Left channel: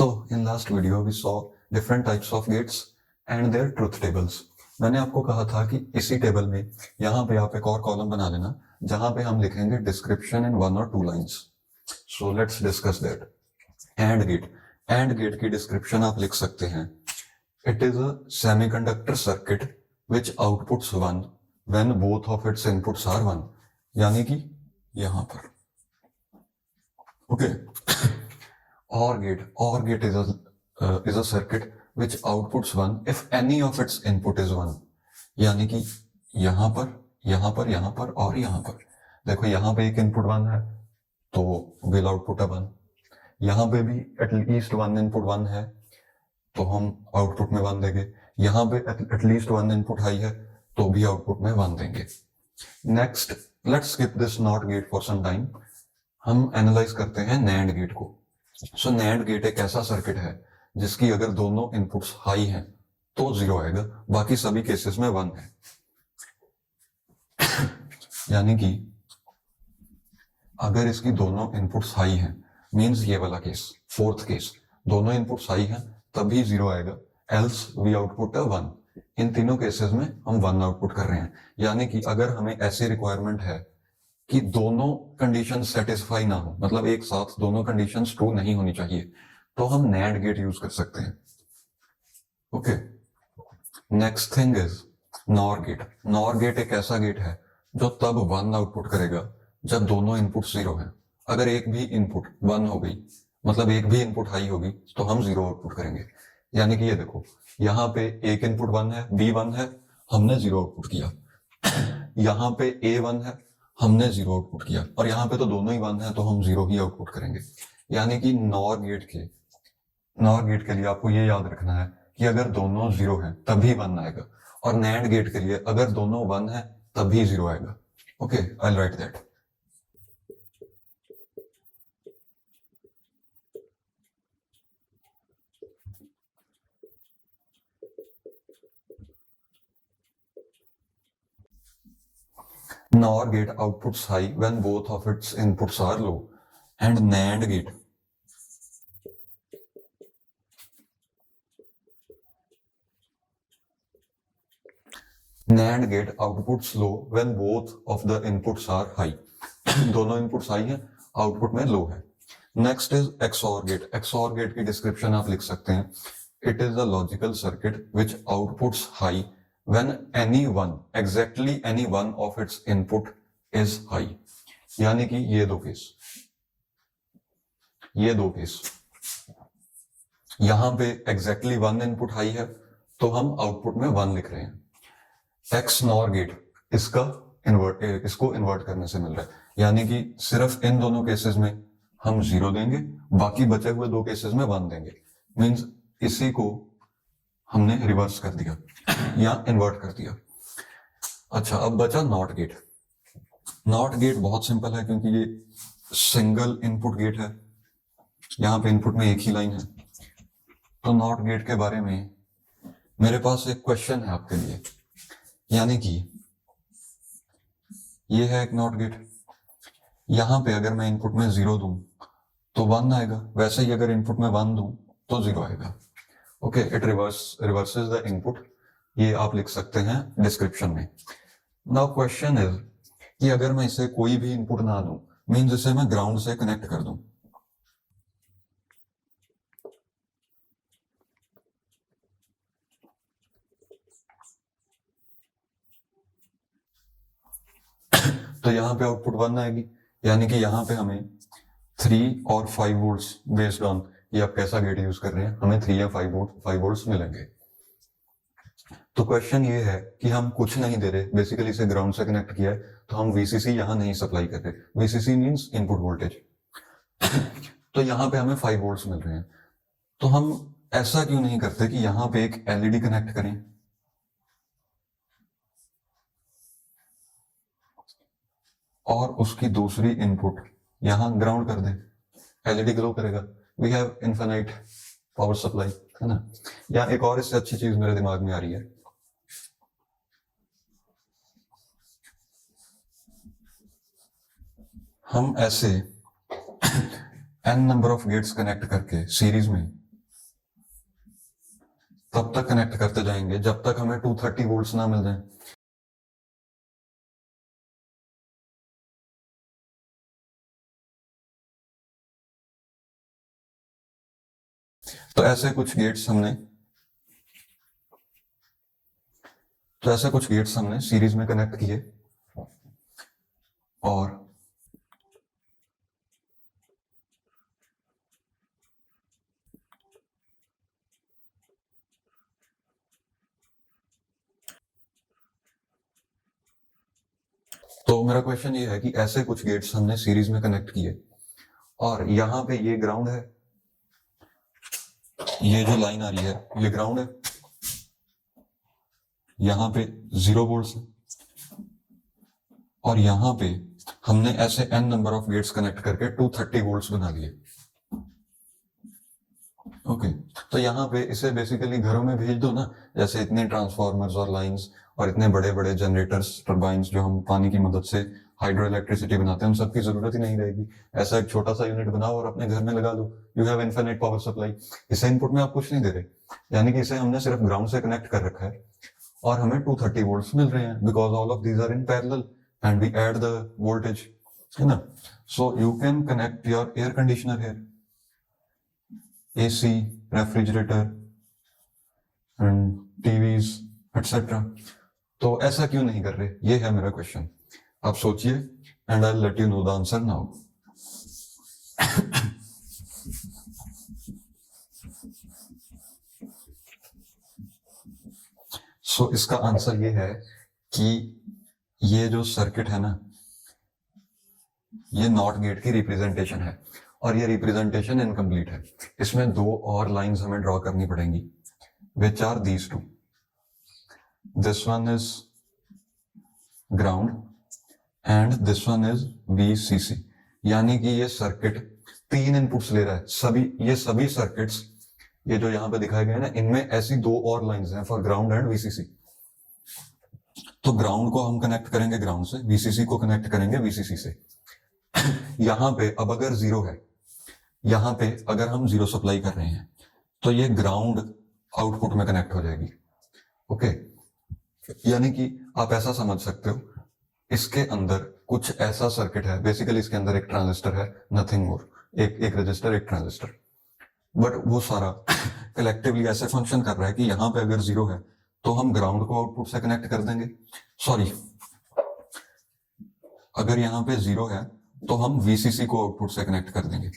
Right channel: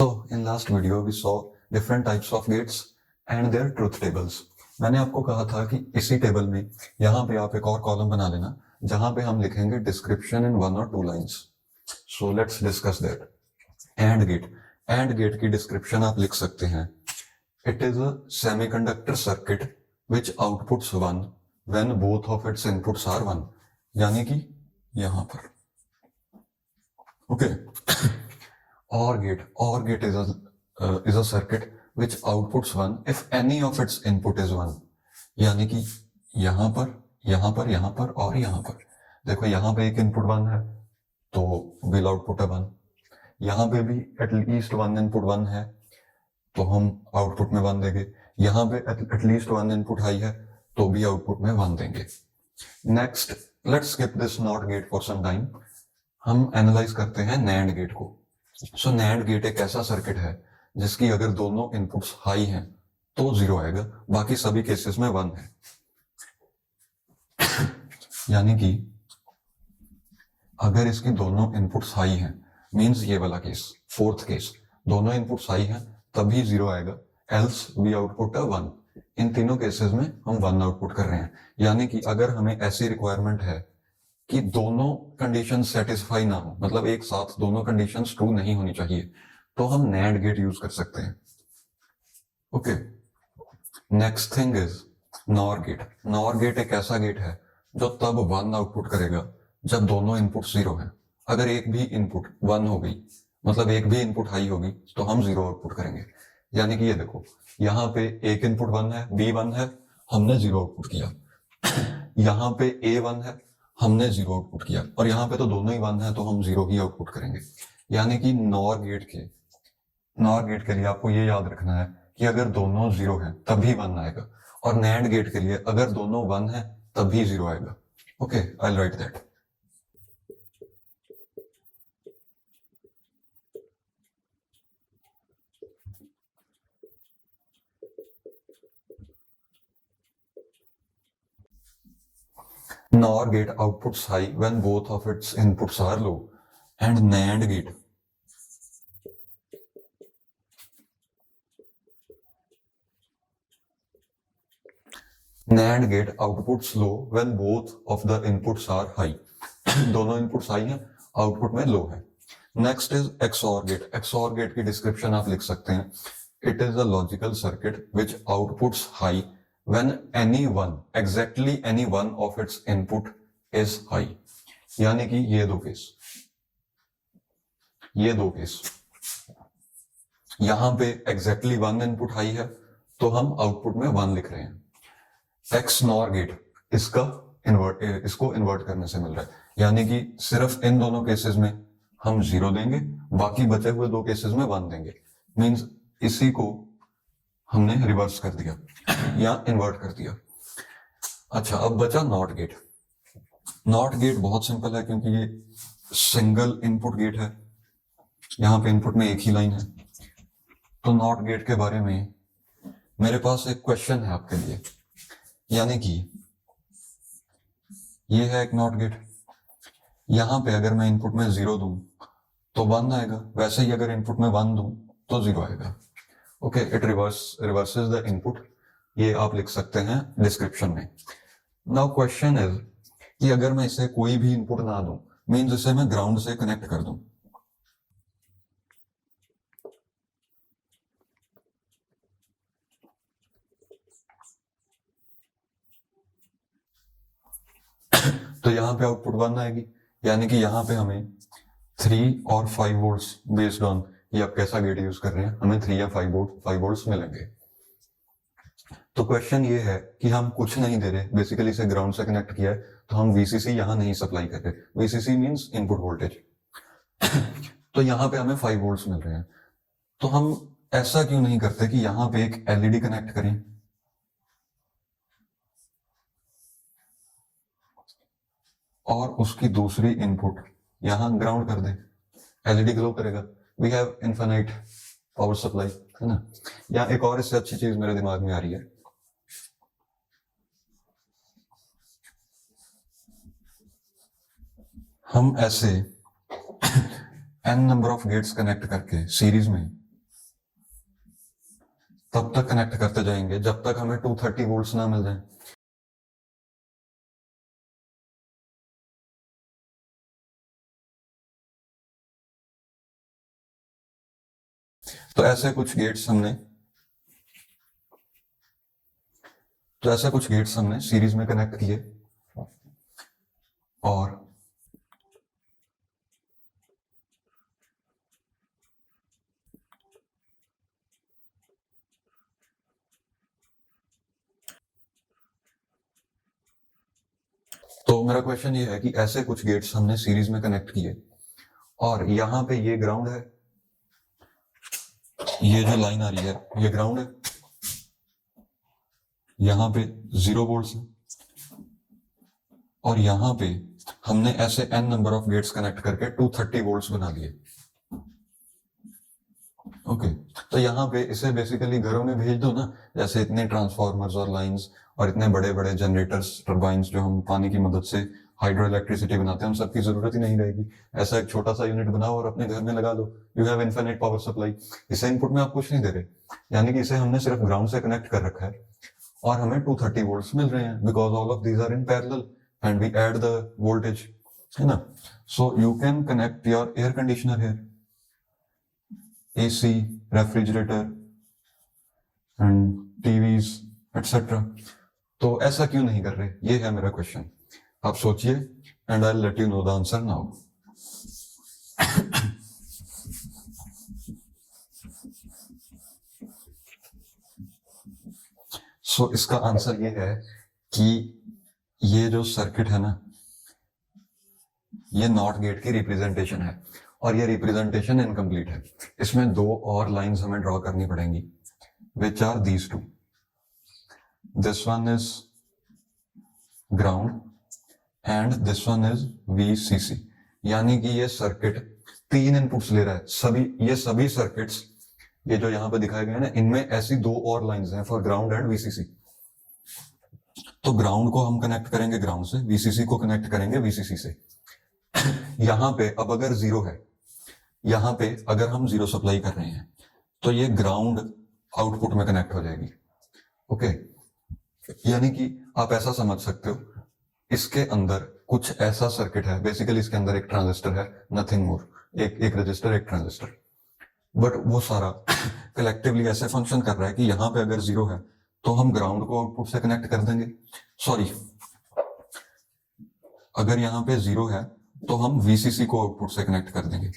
So in last video we saw different types of gates and their truth tables. मैंने आपको कहा था कि इसी टेबल में यहाँ पे आप एक और कॉलम बना लेना जहां पे हम लिखेंगे डिस्क्रिप्शन इन 1 और 2 lines. So let's discuss that. And gate की डिस्क्रिप्शन आप लिख सकते हैं. It is a semiconductor circuit which outputs 1 when both of its inputs are 1. यानी कि यहां पर. Okay. OR gate is a circuit which outputs 1 if any of its input is 1. यानी कि यहाँ पर और यहाँ पर. देखो यहाँ पे एक इनपुट 1 है तो will output 1. यहाँ पे भी एटलीस्ट 1 इनपुट 1 है तो हम आउटपुट में 1 देंगे. यहाँ पे एटलीस्ट 1 इनपुट हाई है तो भी आउटपुट में 1 देंगे. Next let's skip this NOT gate for some time. हम एनालाइज करते हैं NAND गेट को. सो NAND गेट एक ऐसा सर्किट है जिसकी अगर दोनों इनपुट्स हाई हैं तो 0 आएगा, बाकी सभी केसेस में 1 है. यानी कि अगर इसकी दोनों इनपुट्स हाई हैं, मींस ये वाला केस, फोर्थ केस, दोनों इनपुट्स हाई हैं तभी 0 आएगा, एल्स वी आउटपुट 1. इन तीनों केसेस में हम 1 आउटपुट कर रहे हैं. यानी कि अगर हमें ऐसी रिक्वायरमेंट है कि दोनों कंडीशन सेटिस्फाई ना हो, मतलब एक साथ दोनों कंडीशंस ट्रू नहीं होनी चाहिए, तो हम NAND गेट यूज कर सकते हैं. Okay. Next thing is NOR gate. NOR gate एक ऐसा गेट है जो तब 1 आउटपुट करेगा जब दोनों इनपुट 0 है. अगर एक भी इनपुट 1 हो गई, मतलब एक भी इनपुट हाई होगी, तो हम 0 आउटपुट करेंगे. यानी कि ये देखो, यहाँ पे एक इनपुट 1 है, B 1 है, हमने 0 आउटपुट किया. यहाँ पे A 1 है, हमने 0 आउटपुट किया, और यहाँ पे तो दोनों ही 1 है तो हम 0 ही आउटपुट करेंगे. यानी कि NOR गेट के लिए आपको ये याद रखना है कि अगर दोनों 0 हैं तभी 1 आएगा, और NAND गेट के लिए अगर दोनों 1 है तभी 0 आएगा. Okay, I right that. NOR gate outputs high when both of its inputs are low, and NAND gate outputs low when both of the inputs are high. दोनों inputs high हैं, output में low है. Next is XOR gate. XOR gate की description आप लिख सकते हैं. It is a logical circuit which outputs high when exactly any one of its input is high. यानी कि ये दो केस, यहां पे exactly 1 इनपुट हाई है तो हम आउटपुट में 1 लिख रहे हैं. XNOR गेट इसको इन्वर्ट करने से मिल रहा है. यानी कि सिर्फ इन दोनों केसेस में हम 0 देंगे, बाकी बचे हुए 2 केसेस में 1 देंगे. मींस इसी को हमने रिवर्स कर दिया या इन्वर्ट कर दिया. अच्छा, अब बचा नॉट गेट. नॉट गेट बहुत सिंपल है क्योंकि ये सिंगल इनपुट गेट है, यहां पे इनपुट में एक ही लाइन है. तो नॉट गेट के बारे में मेरे पास एक क्वेश्चन है आपके लिए. यानी कि ये है एक नॉट गेट. यहां पे अगर मैं इनपुट में 0 दूं तो 1 आएगा, वैसे ही अगर इनपुट में 1 दूं तो 0 आएगा. Okay, it reverses the input. ये आप लिख सकते हैं डिस्क्रिप्शन में. नाउ क्वेश्चन इज कि अगर मैं इसे कोई भी इनपुट ना दूं, मींस इसे मैं ग्राउंड से कनेक्ट कर दूं, तो यहां पे आउटपुट 1 आएगी. यानी कि यहां पे हमें 3 और 5 वोल्ट्स बेस्ड ऑन ये आप कैसा गेट यूज कर रहे हैं, हमें 3 या 5 वोल्ट्स मिलेंगे. तो क्वेश्चन ये है कि हम कुछ नहीं दे रहे, बेसिकली इसे ग्राउंड से कनेक्ट किया है तो हम VCC यहां नहीं सप्लाई कर रहे. VCC means input voltage. तो यहां पे हमें 5 वोल्ट्स मिल रहे हैं. तो हम ऐसा क्यों नहीं करते कि यहां पे एक LED कनेक्ट करें और उसकी दूसरी इनपुट यहां ग्राउंड कर दें. LED ग्लो करेगा. We have infinite power supply, है ना. या एक और इससे अच्छी चीज मेरे दिमाग में आ रही है. हम ऐसे n number of gates connect करके सीरीज में तब तक कनेक्ट करते जाएंगे जब तक हमें 230 वोल्ट्स ना मिल जाए। तो ऐसे कुछ गेट्स हमने सीरीज में कनेक्ट किए और तो मेरा क्वेश्चन ये है कि ऐसे कुछ गेट्स हमने सीरीज में कनेक्ट किए और यहाँ पे ये ग्राउंड है, ये जो लाइन आ रही है ये ग्राउंड है, यहाँ पे 0 वोल्ट्स है और यहाँ पे हमने ऐसे n number of gates connect करके 230 वोल्ट्स बना लिए। ओके तो यहाँ पे इसे बेसिकली घरों में भेज दो ना, जैसे इतने ट्रांसफार्मर्स और लाइंस और इतने बड़े बड़े जनरेटर्स टर्बाइंस जो हम पानी की मदद से हाइड्रो इलेक्ट्रिसिटी बनाते हैं, उन सबकी जरूरत ही नहीं रहेगी। ऐसा एक छोटा सा यूनिट बनाओ और अपने घर में लगा दो, you have infinite power supply. इसे इनपुट में आप कुछ नहीं दे रहे, यानी कि इसे हमने सिर्फ ग्राउंड से कनेक्ट कर रखा है और हमें 230 वोल्ट्स मिल रहे हैं because all of these are in parallel and we add the voltage, है ना। So you can connect your air conditioner here, AC, refrigerator and TVs etcetera. तो ऐसा क्यों नहीं कर रहे, ये है मेरा क्वेश्चन। आप सोचिए and I let you know the answer now. So इसका आंसर ये है कि ये जो सर्किट है ना, ये नॉट गेट की रिप्रेजेंटेशन है और ये रिप्रेजेंटेशन इनकम्प्लीट है। इसमें दो और लाइंस हमें ड्रॉ करनी पड़ेंगी, which are these two. This one is ground and this one is VCC। यानी कि ये सर्किट 3 इनपुट्स ले रहा है। ये सभी सर्किट्स ये जो यहाँ पे दिखाए गए हैं ना, इनमें ऐसी 2 और लाइंस हैं फॉर ग्राउंड एंड VCC। तो ग्राउंड को हम कनेक्ट करेंगे ग्राउंड से, VCC को कनेक्ट करेंगे VCC से। यहाँ पे अब अगर 0 है, यहाँ पे अगर हम 0 सप्लाई कर रहे हैं तो ये ग्राउंड आउटपुट में कनेक्ट हो जाएगी। ओके यानी कि आप ऐसा समझ सकते हो, इसके अंदर कुछ ऐसा सर्किट है, बेसिकली इसके अंदर एक ट्रांजिस्टर है, नथिंग मोर, एक रजिस्टर एक ट्रांजिस्टर, बट वो सारा कलेक्टिवली ऐसे फंक्शन कर रहा है कि यहाँ पे अगर 0 है तो हम ग्राउंड को आउटपुट से कनेक्ट कर देंगे। सॉरी, अगर यहाँ पे 0 है तो हम VCC को आउटपुट से कनेक्ट कर देंगे।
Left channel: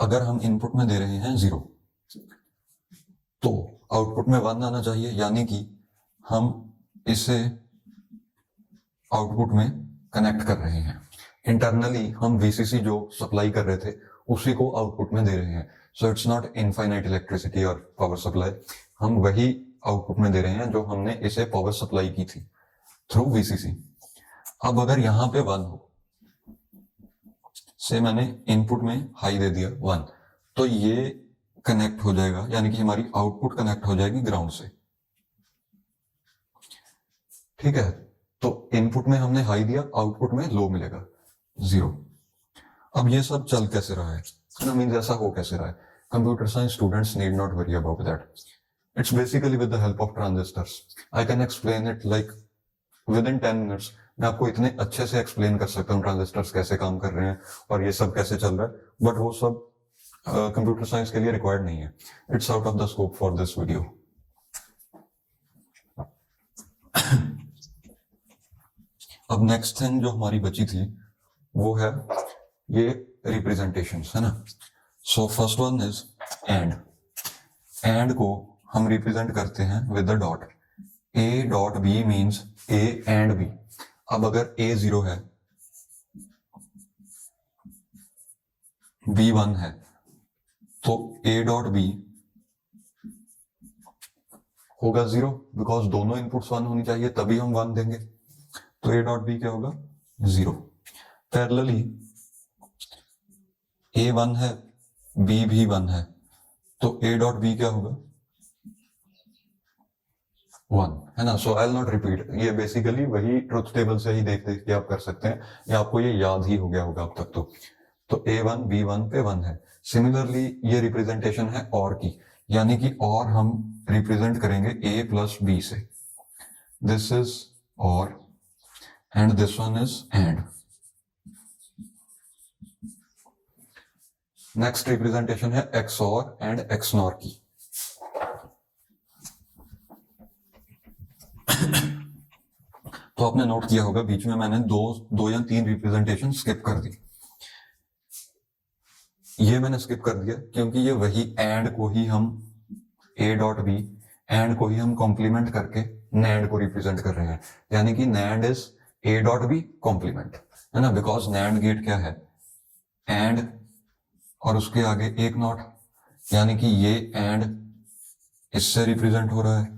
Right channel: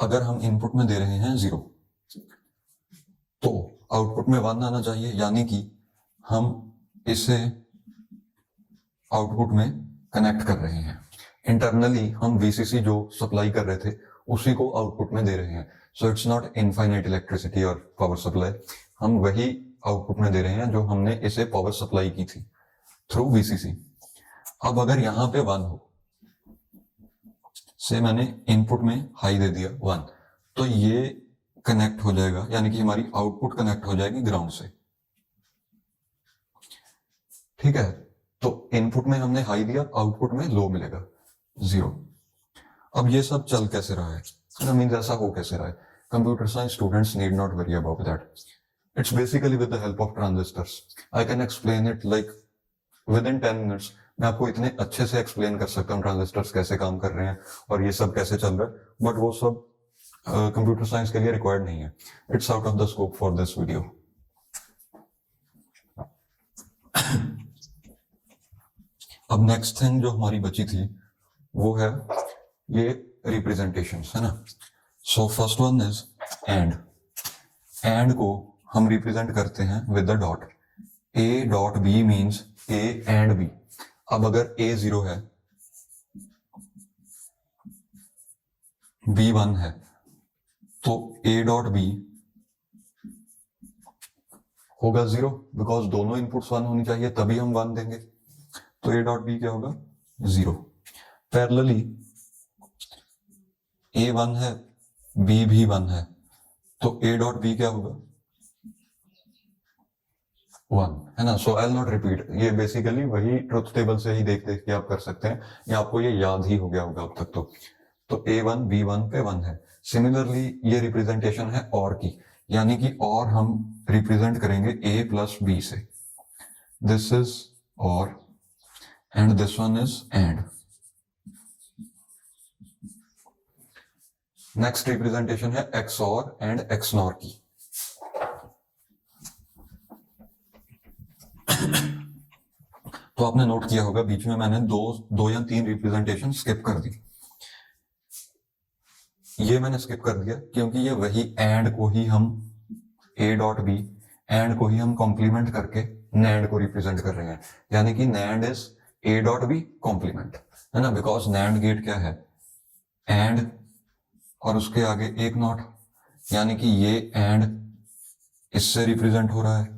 अगर हम इनपुट में दे रहे हैं 0 तो आउटपुट में 1 आना चाहिए, यानी कि हम इसे आउटपुट में कनेक्ट कर रहे हैं। इंटरनली हम VCC जो सप्लाई कर रहे थे उसी को आउटपुट में दे रहे हैं। So it's not infinite electricity और पावर सप्लाई, हम वही आउटपुट में दे रहे हैं जो हमने इसे पावर सप्लाई की थी थ्रू VCC। अब अगर यहाँ पे 1 हो, से मैंने इनपुट में हाई दे दिया 1, तो ये कनेक्ट हो जाएगा, यानी कि हमारी आउटपुट कनेक्ट हो जाएगी ग्राउंड से। ठीक है, तो इनपुट में हमने हाई दिया, आउटपुट में लो मिलेगा 0। अब ये सब चल कैसे रहा है, मीन ऐसा हो कैसे रहा है? Computer science students need not worry about that, it's basically with the help of transistors. I can explain it like with in 10 minutes. मैं आपको इतने अच्छे से एक्सप्लेन कर सकता हूँ ट्रांजिस्टर्स कैसे काम कर रहे हैं और ये सब कैसे चल रहा है, बट वो सब कंप्यूटर साइंस के लिए रिक्वायर्ड नहीं है। It's out of the scope for this video. अब नेक्स्ट थिंग जो हमारी बची थी वो है ये रिप्रेजेंटेशंस, है ना। So first one is and को हम रिप्रेजेंट करते हैं with the dot. A dot B means A and B। अब अगर A 0 है, B 1 है, तो A डॉट B होगा 0, बिकॉज दोनों इनपुट्स 1 होनी चाहिए तभी हम 1 देंगे। तो A डॉट B क्या होगा 0। पैरेलली A 1 है, B भी 1 है, तो A डॉट B क्या होगा 1 है ना. सो आई विल नॉट रिपीट. ये बेसिकली वही ट्रुथ टेबल से ही देख देख के आप कर सकते हैं, या आपको ये याद ही हो गया होगा अब तक. तो A1 B1 पे 1 है. सिमिलरली ये रिप्रेजेंटेशन है और की, यानी कि और हम रिप्रेजेंट करेंगे A प्लस B से. दिस इज और and this one is and. Next representation है XOR एंड XNOR की. तो आपने नोट किया होगा बीच में मैंने दो या तीन रिप्रेजेंटेशन स्किप कर दी. ये मैंने स्किप कर दिया क्योंकि ये वही एंड को ही हम A डॉट B एंड को ही हम कॉम्प्लीमेंट करके नैंड को रिप्रेजेंट कर रहे हैं, यानी कि NAND is A dot B complement, है ना. बिकॉज नैंड गेट क्या है, एंड और उसके आगे एक नॉट, यानी कि ये एंड इससे रिप्रेजेंट हो रहा है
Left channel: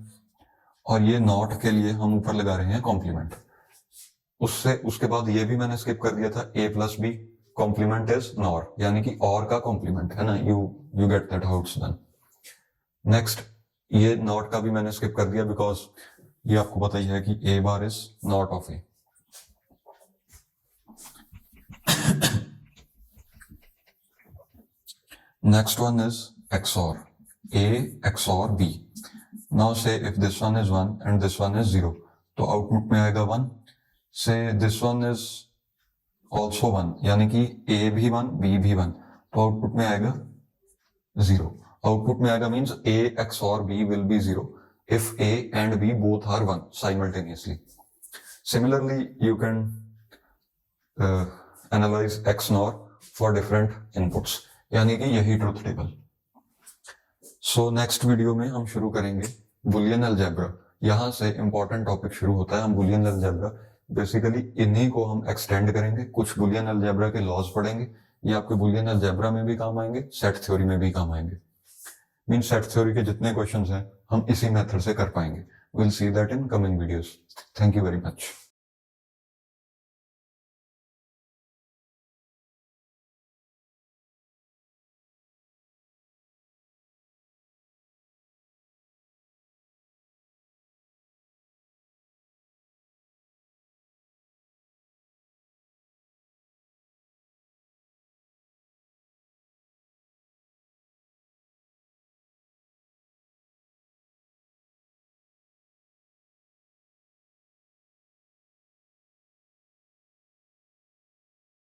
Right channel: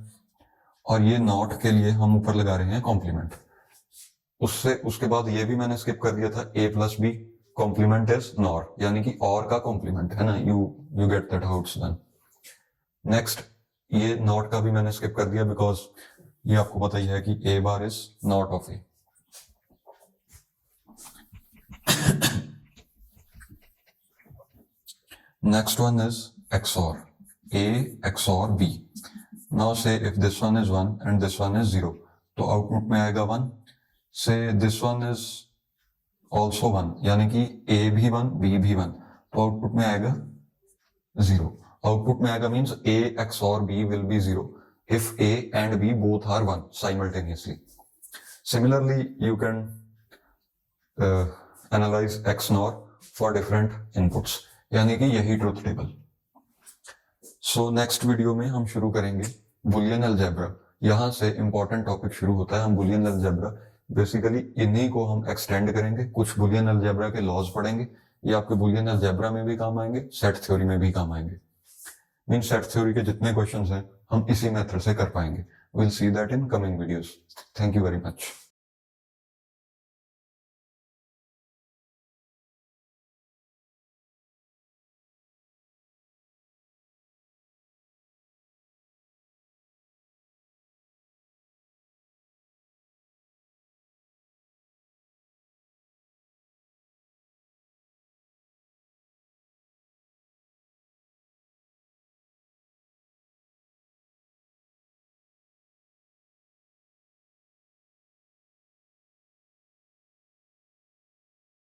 और ये नॉट के लिए हम ऊपर लगा रहे हैं कॉम्प्लीमेंट. उसके बाद ये भी मैंने स्किप कर दिया था, A plus B complement is NOR, यानी कि और का कॉम्प्लीमेंट, है ना. You get that how it's done. Next ये नॉट का भी मैंने स्किप कर दिया बिकॉज ये आपको पता ही है कि A bar is not of A. Next one is XOR. A XOR B. Now say if this one is 1 and this one is 0, तो आउटपुट में आएगा 1. Say this one is also 1, यानी कि A भी 1 B भी 1, तो output में आएगा 0. आउटपुट में आएगा means A XOR B will be 0 if A and B both are 1 simultaneously. Similarly, you can analyze XNOR for different inputs, यानी कि यही truth table. So next video में हम शुरू करेंगे बुलियन अलजेब्रा. यहां से इंपॉर्टेंट टॉपिक शुरू होता है. हम बुलियन अलजेब्रा बेसिकली इन्हीं को हम एक्सटेंड करेंगे. कुछ बुलियन अलजेब्रा के लॉज पढ़ेंगे. ये आपके बुलियन अलजेब्रा में भी काम आएंगे, सेट थ्योरी में भी काम आएंगे. मीन सेट थ्योरी के जितने क्वेश्चंस हैं हम इसी मेथड से कर पाएंगे. Will see that in coming videos. Thank you very much.